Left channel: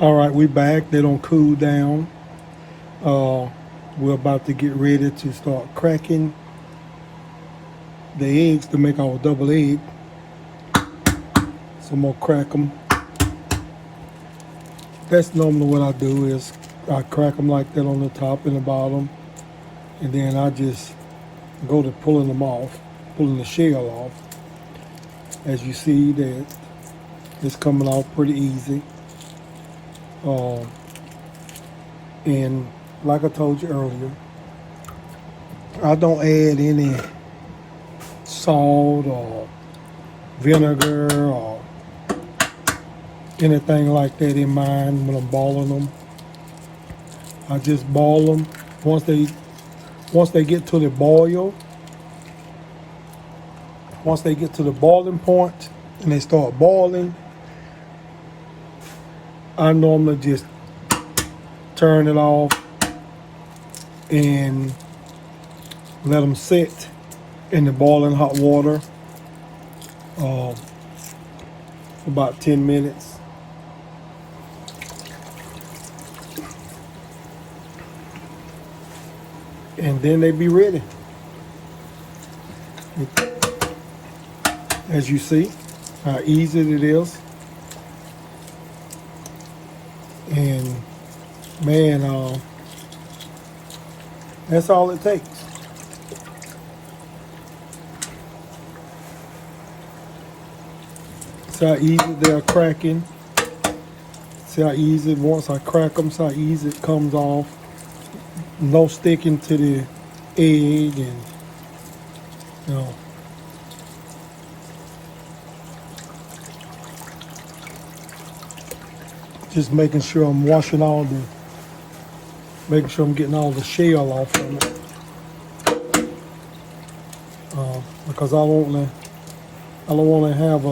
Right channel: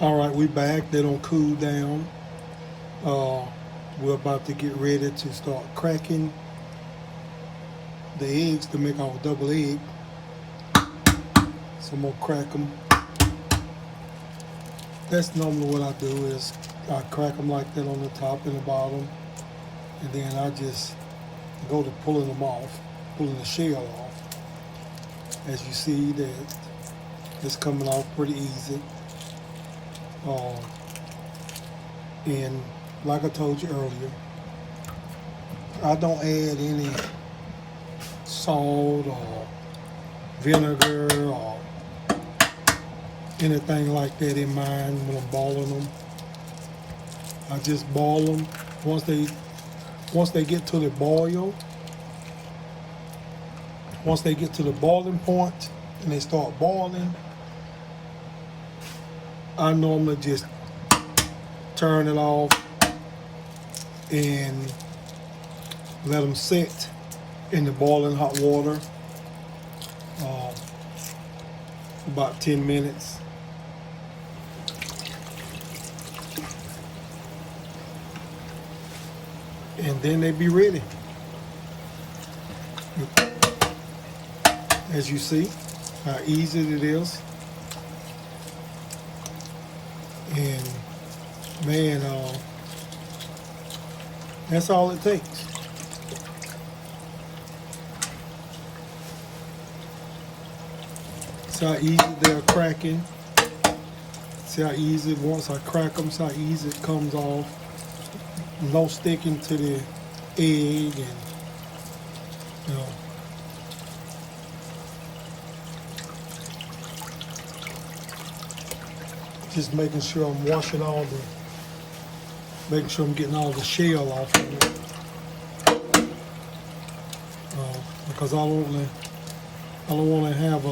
All right, we back. They don't cool down. We're about to get ready to start cracking the eggs to make our double egg. So I'm gonna crack them. That's normally what I do is I crack them like that on the top and the bottom, and then I just go to pulling them off, pulling the shell off. As you see that it's coming off pretty easy. And like I told you earlier, I don't add any salt or vinegar or anything like that in mine when I'm boiling them. I just boil them. Once they get to the boil, once they get to the boiling point and they start boiling, I normally just turn it off and let them sit in the boiling hot water for about 10 minutes. And then they be ready. As you see how easy it is. And man, that's all it takes. See how easy they're cracking. See how easy, once I crack them, see how easy it comes off. No sticking to the egg, and you know. Just making sure I'm washing making sure I'm getting all the shell off of it. Because I don't want to have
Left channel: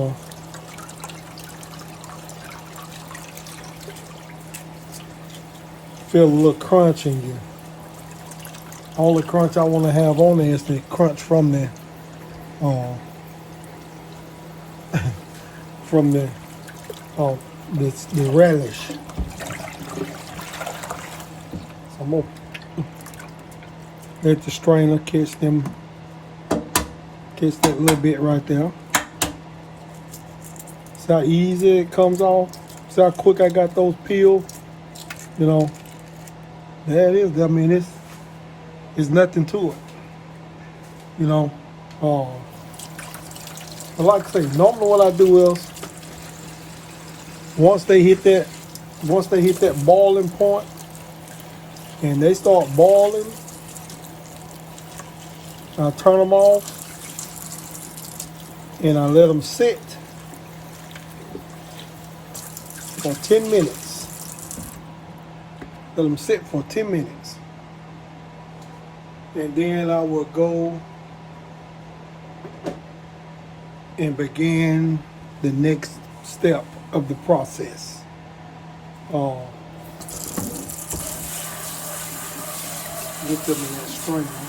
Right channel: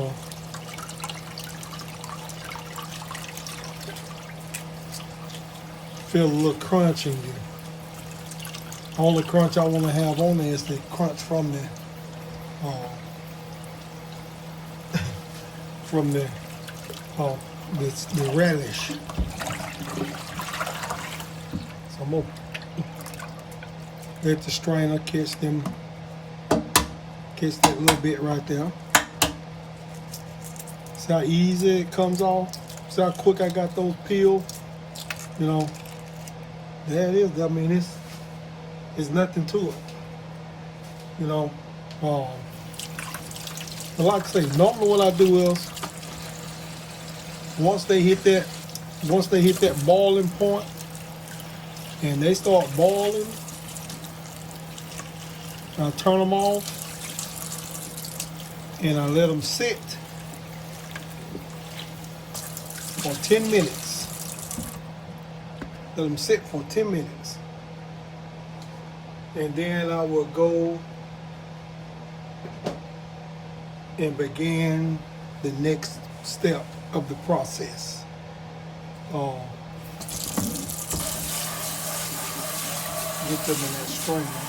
feel a little crunch in you. All the crunch I want to have on there is the crunch from the from the relish. So I'm gonna let the strainer catch that little bit right there. See how easy it comes off? See how quick I got those peeled? You know, there it is. I mean, it's nothing to it. You know, but like I say, normally what I do is once they hit that boiling point and they start boiling, I turn them off and I let them sit for 10 minutes. Let them sit for 10 minutes. And then I will go and begin the next step of the process. Get them in that strainer.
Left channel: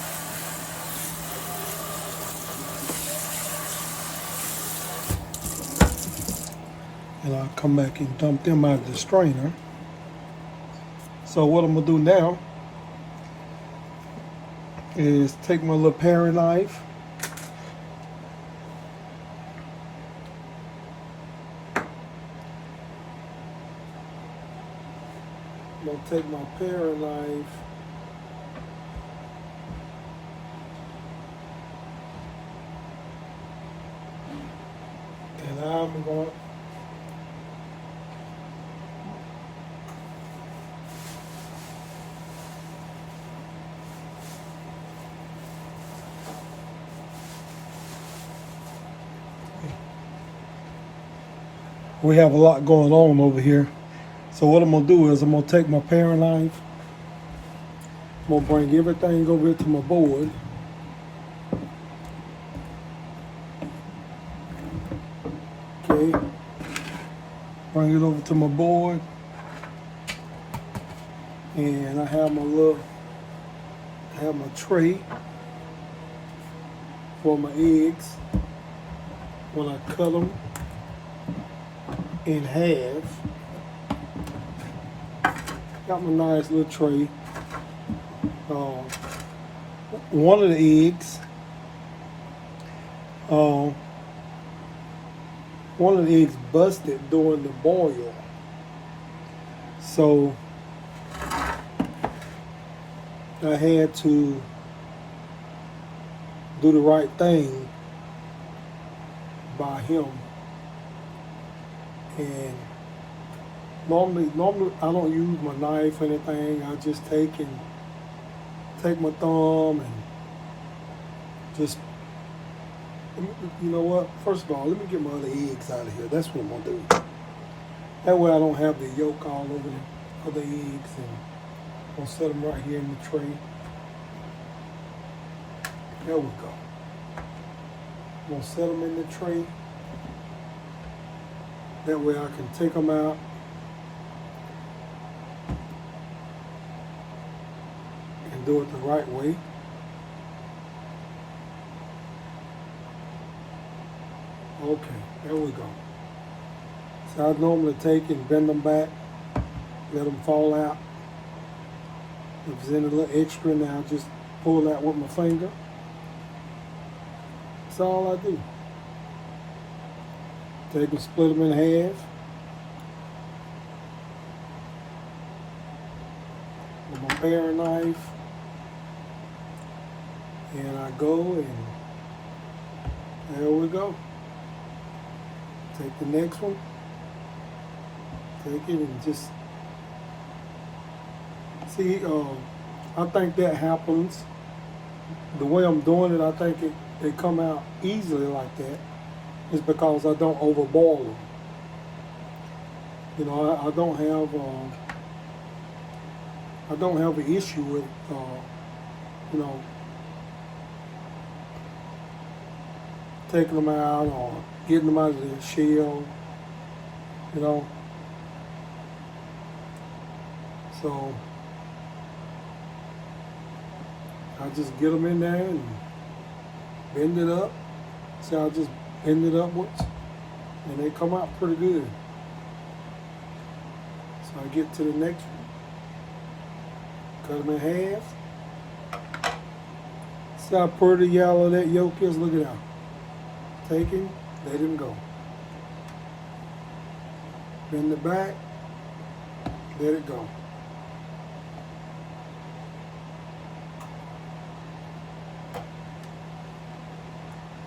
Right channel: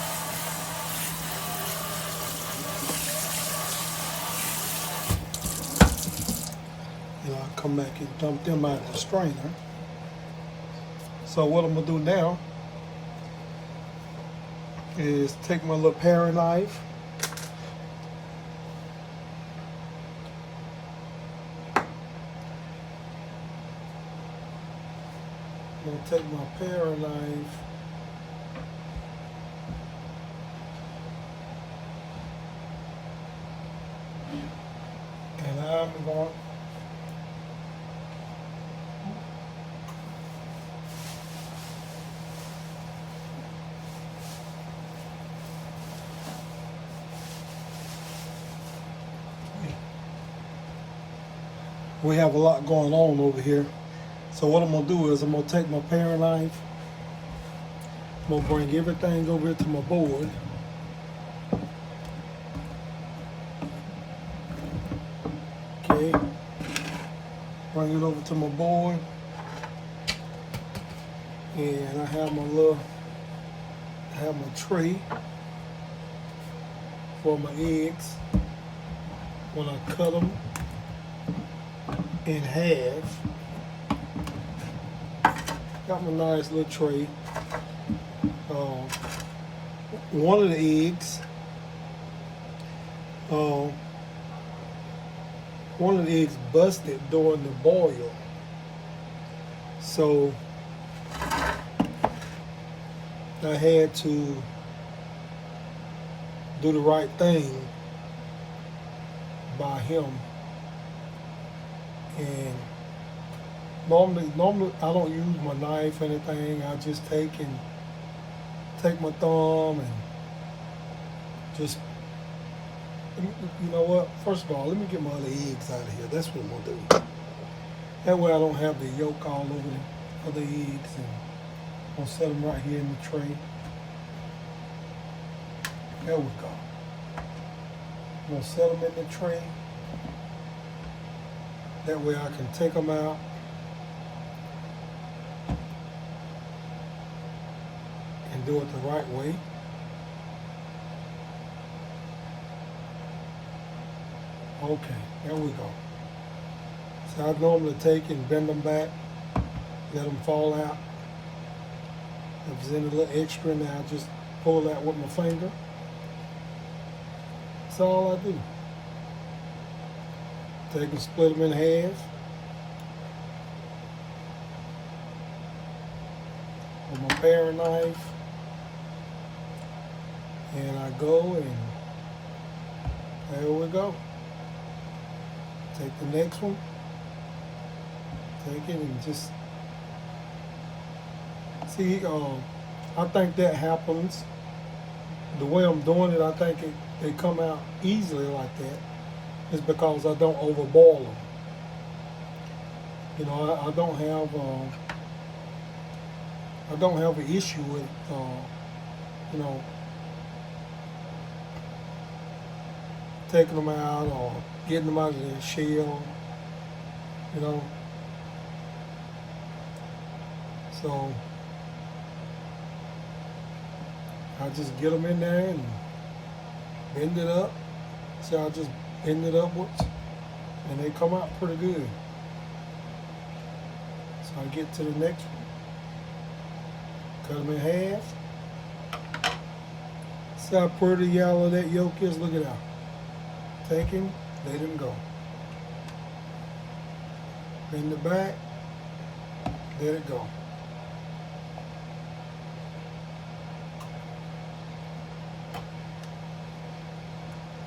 And I'll come back and dump them out of the strainer. So what I'm gonna do now is take my little paring knife. I'm gonna take my paring knife and I'm going we have a lot going on over here. So what I'm gonna do is I'm gonna take my paring knife, I'm gonna bring everything over to my board. Okay, bring it over to my board, and I have my tray for my eggs. When I cut them in half, got my nice little tray. One of the eggs, busted during the boil. So I had to do the right thing by him. And normally I don't use my knife or anything. I just take my thumb and just, you know what? First of all, let me get my other eggs out of here. That's what I'm gonna do. That way I don't have the yolk all over the other eggs, and I'm gonna set them right here in the tray. There we go. I'm gonna set them in the tray. That way I can take them out and do it the right way. Okay, there we go. So I normally take and bend them back, let them fall out. If there's any little extra now, I'll just pull that with my finger. That's all I do. Take and split them in half. With my paring knife. And I go and there we go. Take the next one. Take it and just see. I think that happens. The way I'm doing it, I think they come out easily like that. Is because I don't overboil them. You know, I don't have an issue with, you know, taking them out or getting them out of the shell, you know. So I just get them in there and bend it up. So I just bend it upwards and they come out pretty good. So I get to the next one. Cut them in half. See how pretty yellow that yolk is? Look at that. Take him, let him go. Bend it back, let it go.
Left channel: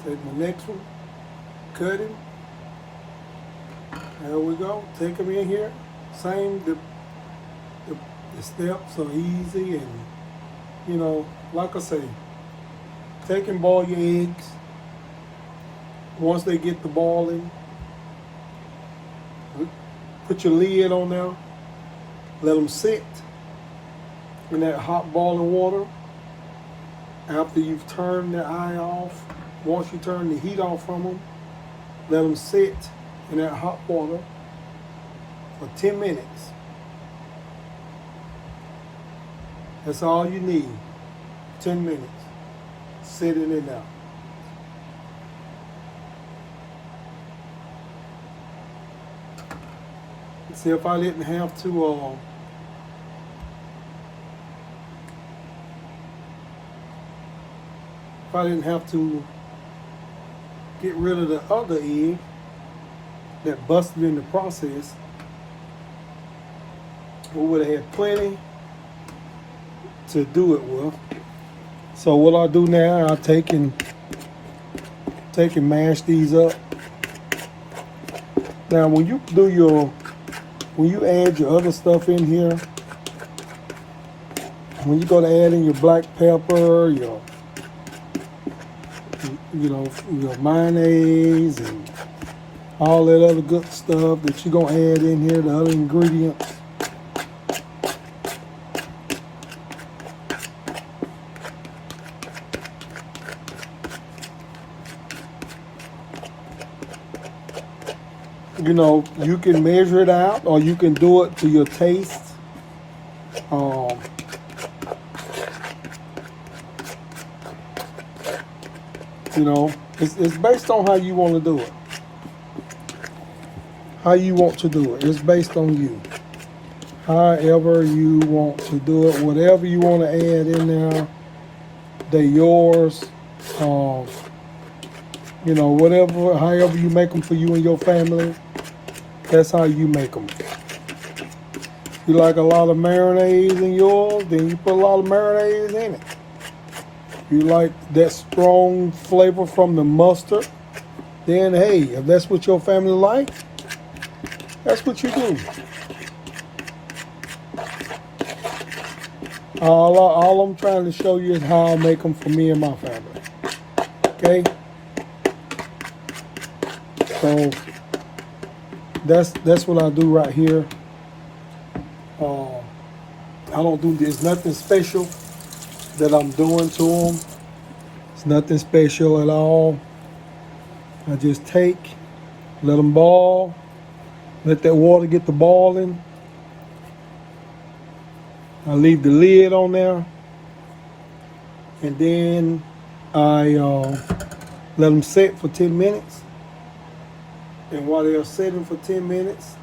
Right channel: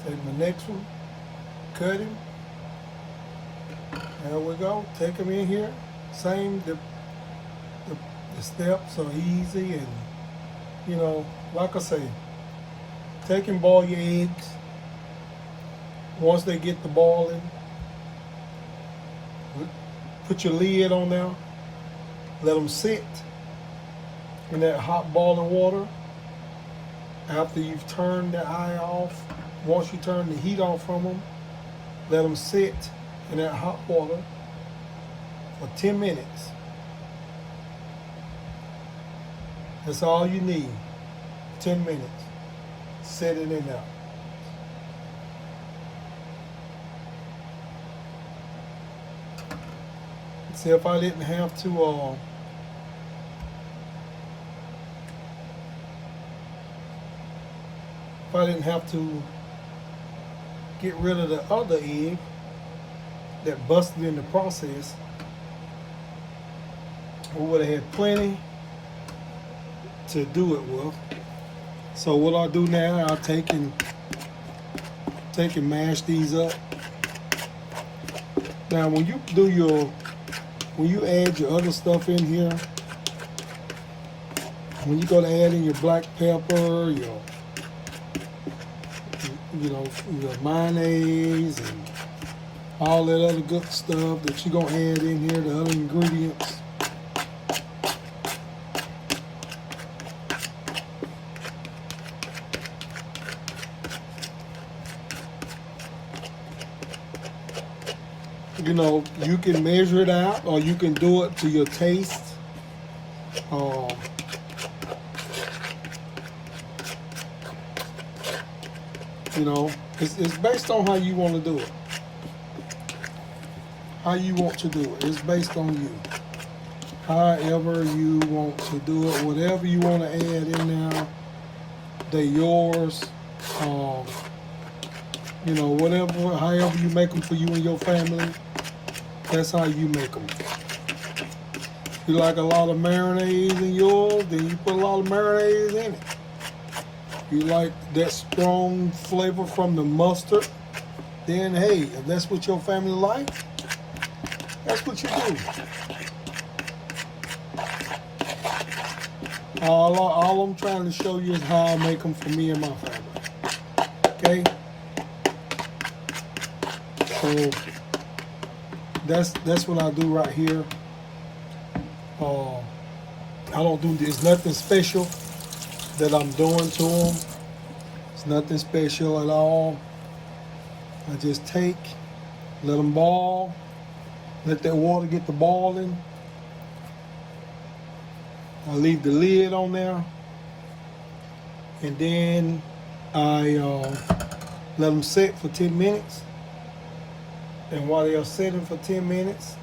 Take my next one, cut him. There we go. Take him in here. Same, the steps are easy, and you know, like I say, take and boil your eggs. Once they get to boiling, put your lid on there. Let them sit in that hot boiling water. After you've turned the eye off, once you turn the heat off from them, let them sit in that hot water for 10 minutes. That's all you need. 10 minutes. Sit it in there. See, if I didn't have to get rid of the other egg that busted in the process, we would have had plenty to do it with. So what I do now, I take and mash these up. Now when you add your other stuff in here, when you go to add in your black pepper, your mayonnaise and all that other good stuff that you're gonna add in here, the other ingredients, you know, you can measure it out or you can do it to your taste. You know, it's based on how you want to do it. How you want to do it. It's based on you. however you want to do it. Whatever you want to add in there, they're yours. You know, whatever, however you make them for you and your family, that's how you make them. You like a lot of mayonnaise in yours, then you put a lot of mayonnaise in it. You like that strong flavor from the mustard, then hey, if that's what your family like, that's what you do. All I'm trying to show you is how I make them for me and my family. Okay? So that's what I do right here. I don't do this. Nothing special that I'm doing to them. It's nothing special at all. I just take, let them boil, let that water get to boiling. I leave the lid on there, and then I let them set for 10 minutes. And while they are sitting for 10 minutes,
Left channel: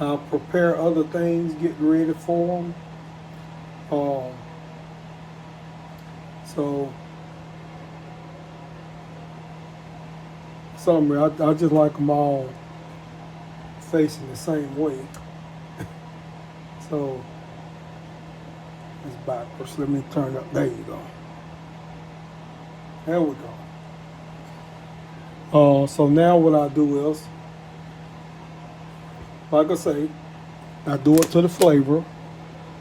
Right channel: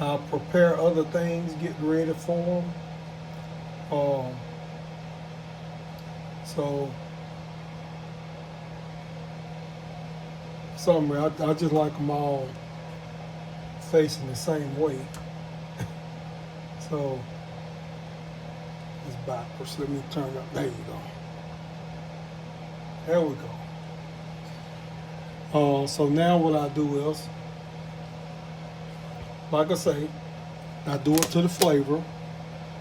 I'll prepare other things, get ready for them. So summary, I just like them all facing the same way. So it's backwards. Let me turn up. There you go. There we go. So now what I do is, like I say, I do it to the flavor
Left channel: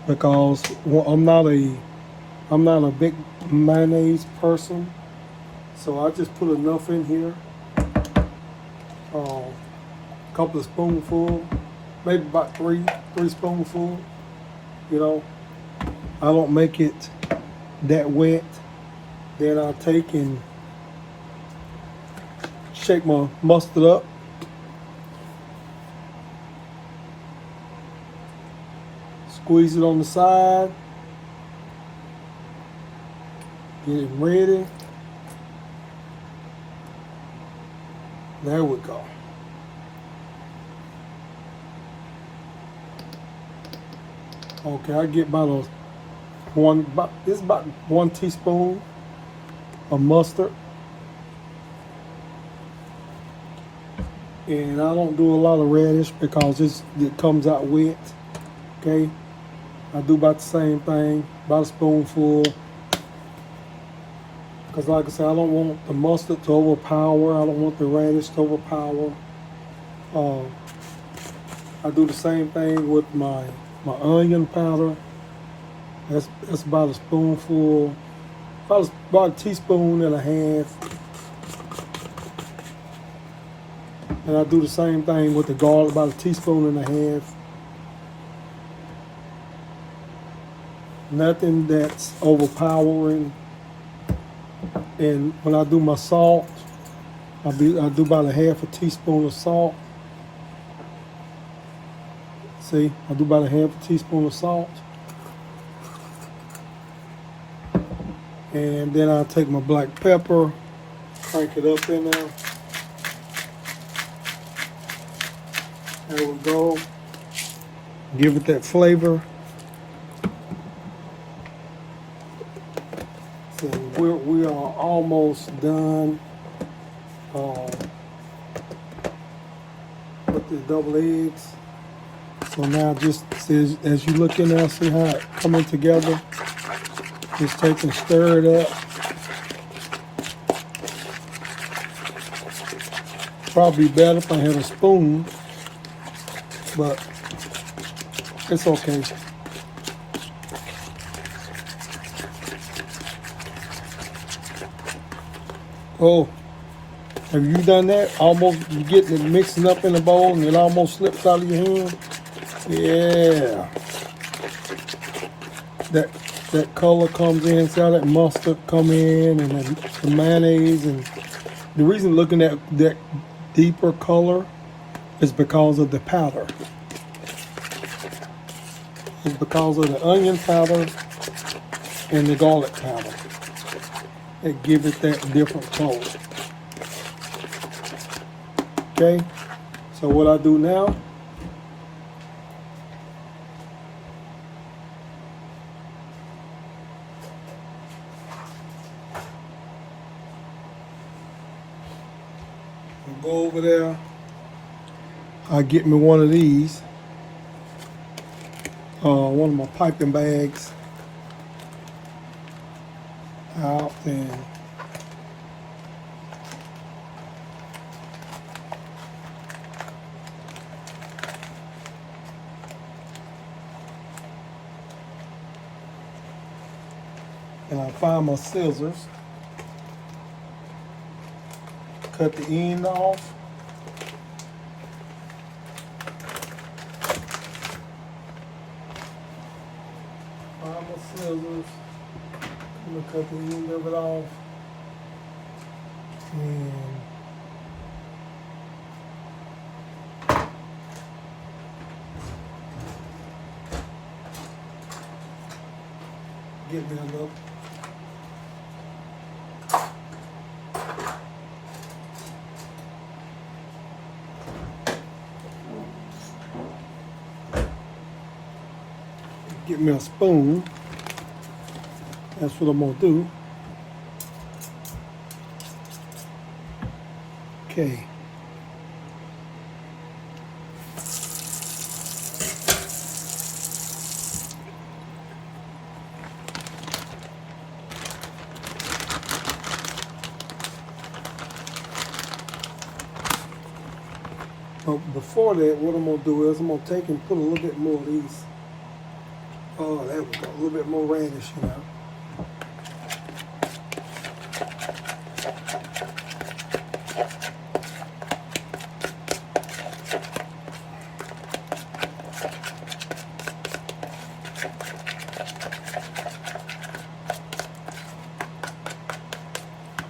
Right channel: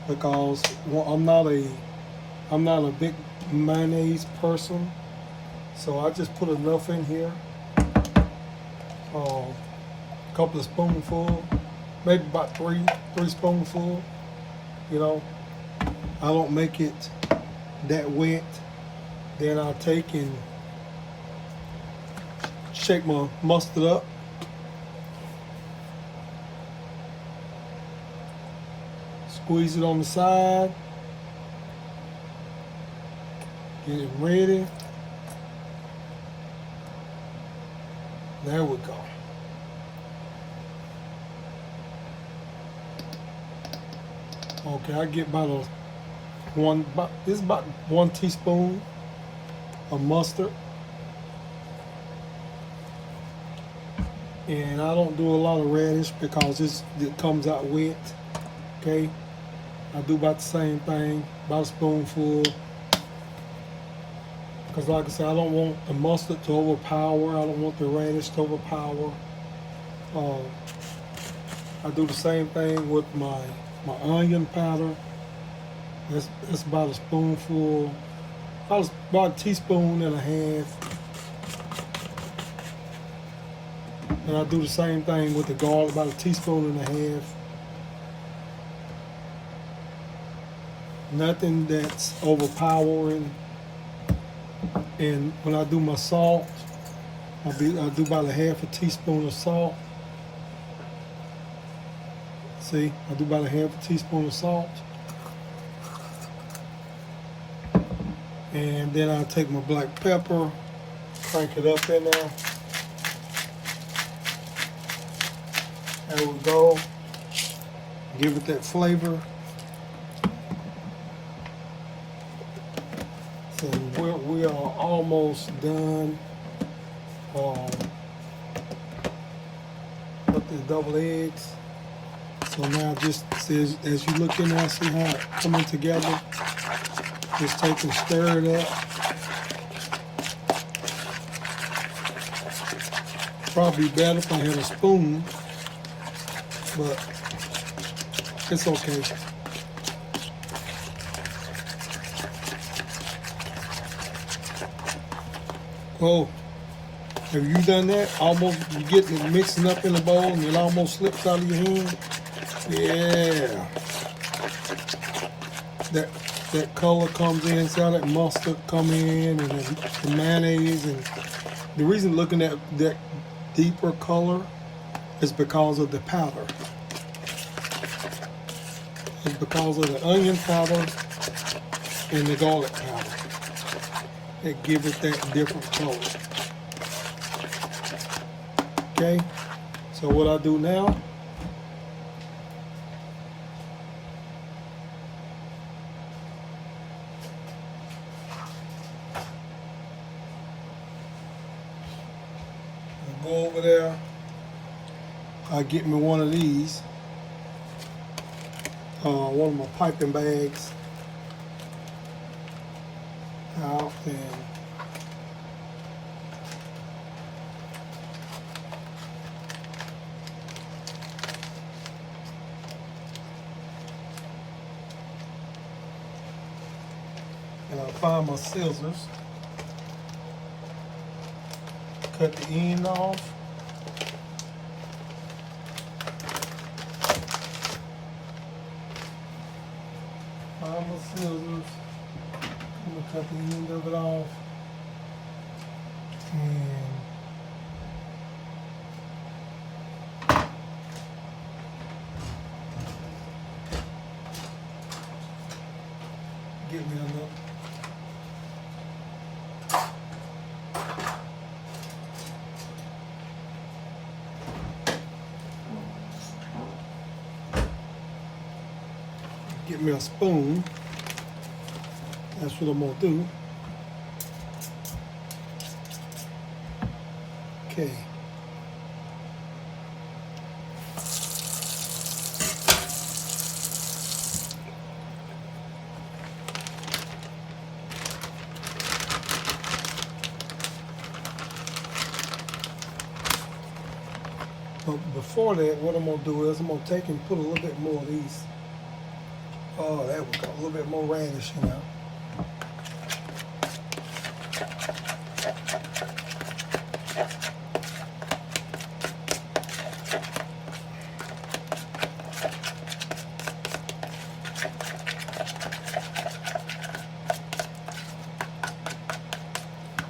because I'm not a big mayonnaise person, so I just put enough in here. A couple of spoonfuls, maybe about three spoonfuls. You know, I don't make it that wet. Then I'll take and shake my mustard up. Squeeze it on the side. Get it ready. There we go. Okay, I get about this is about 1 teaspoon of mustard. And I don't do a lot of radish because it comes out wet. Okay, I do about the same thing, about a spoonful. Because like I said, I don't want the mustard to overpower. I don't want the radish to overpower. I do the same thing with my onion powder. That's about a spoonful, about a teaspoon and a half. And I do the same thing with the garlic, about a teaspoon and a half. Nothing that's overpowering. And when I do my salt, I do about a half a teaspoon of salt. See, I do about a half a teaspoon of salt. And then I take my black pepper, crank it up in there. There we go. Give it that flavor. So we are almost done with the double eggs. So now just as you look in there, see how it coming together. Just take and stir it up. Probably better if I had a spoon, but it's okay. Oh, have you done that? Almost you getting it mixing up in the bowl and it almost slips out of your hand? Yeah. That color comes in, see how that mustard come in and the mayonnaise, and the reason looking at that deeper color is because of the powder. It's because of the onion powder and the garlic powder. It gives it that different color. Okay, so what I do now, I go over there, I get me one of these, one of my piping bags out, and I find my scissors, cut the end off. Find my scissors, I'm gonna cut the end of it off, and get me a look. Get me a spoon. That's what I'm gonna do. Okay. But before that, what I'm gonna do is I'm gonna take and put a little bit more of these. Oh, there we go. A little bit more radish, you know.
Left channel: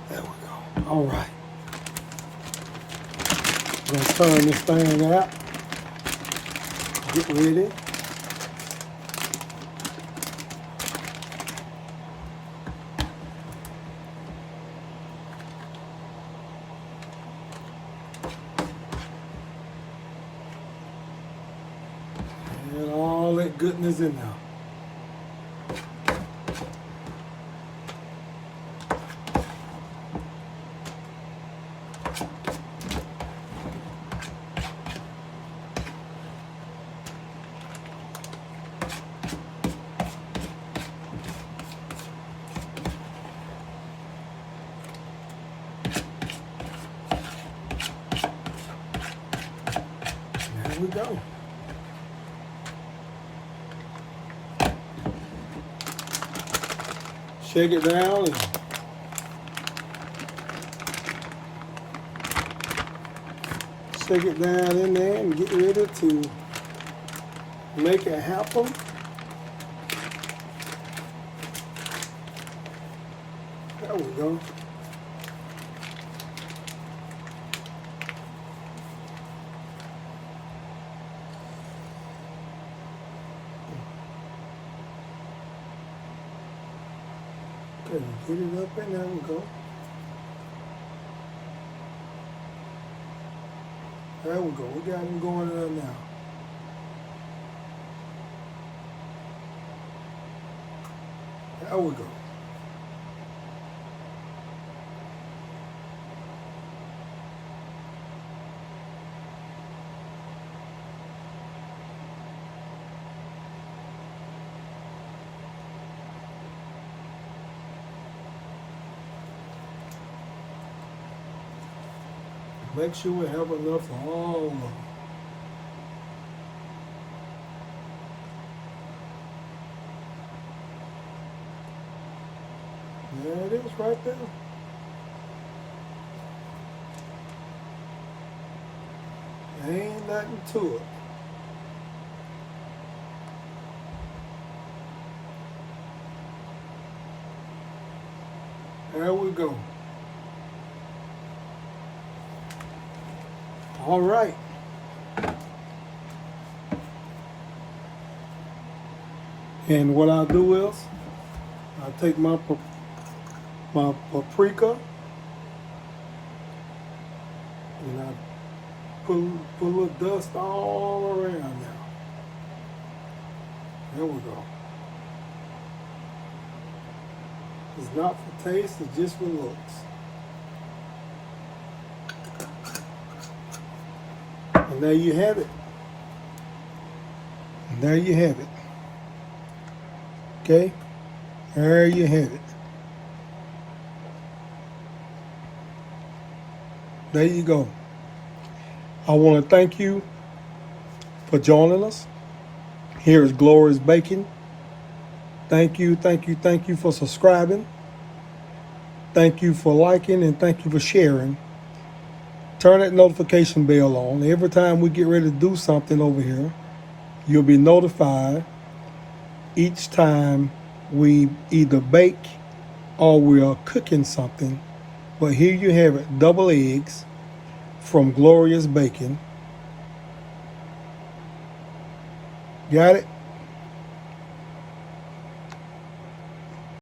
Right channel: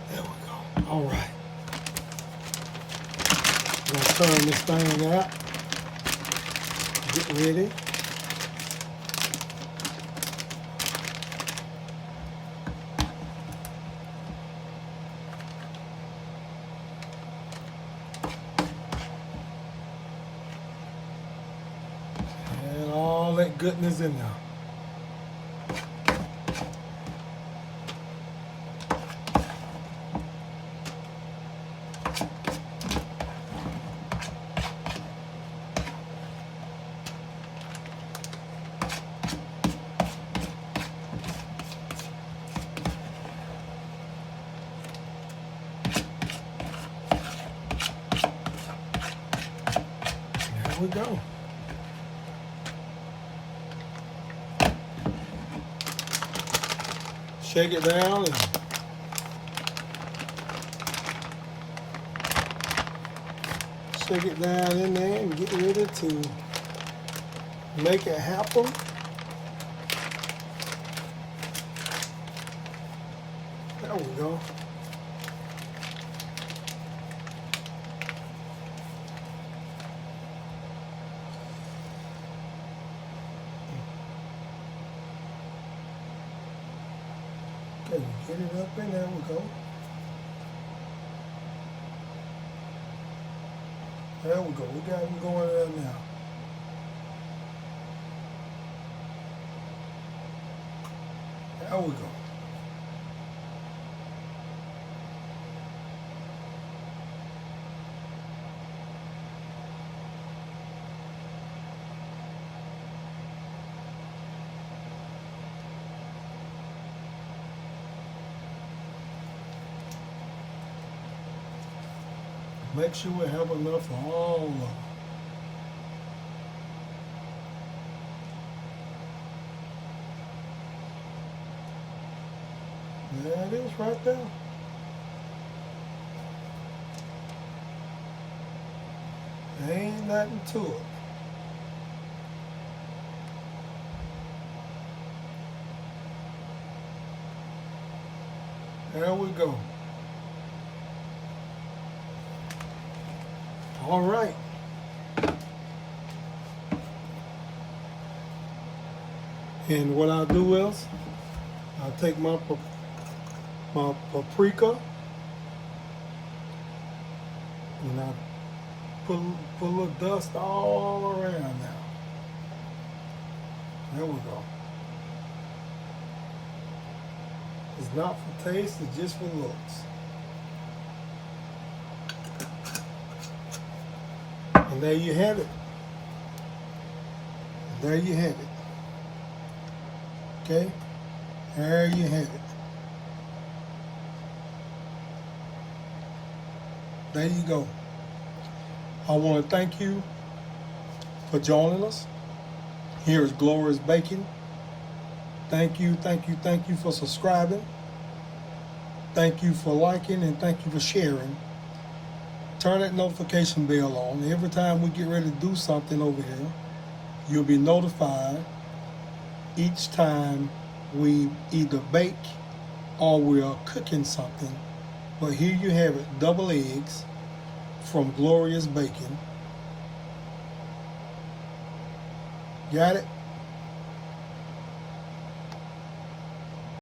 There we go. All right. I'm gonna turn this thing out. Get ready. And all that goodness in there. There we go. Shake it down and shake it down in there and get ready to make it happen. There we go. Okay, get it up in there we go. There we go. We got them going there now. There we go. Make sure we have enough for all of them. There it is right there. Ain't nothing to it. There we go. All right. And what I'll do is I'll take my paprika and I'll put a little dust all around now. There we go. It's not for taste, it's just for looks. And there you have it. And there you have it. Okay? There you have it. There you go. I want to thank you for joining us. Here is Glorious Baking. Thank you, thank you, thank you for subscribing. Thank you for liking and thank you for sharing. Turn that notification bell on. Every time we get ready to do something over here, you'll be notified each time we either bake or we are cooking something. But here you have it, double eggs from Glorious Baking. Got it?